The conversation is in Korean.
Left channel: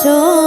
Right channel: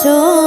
저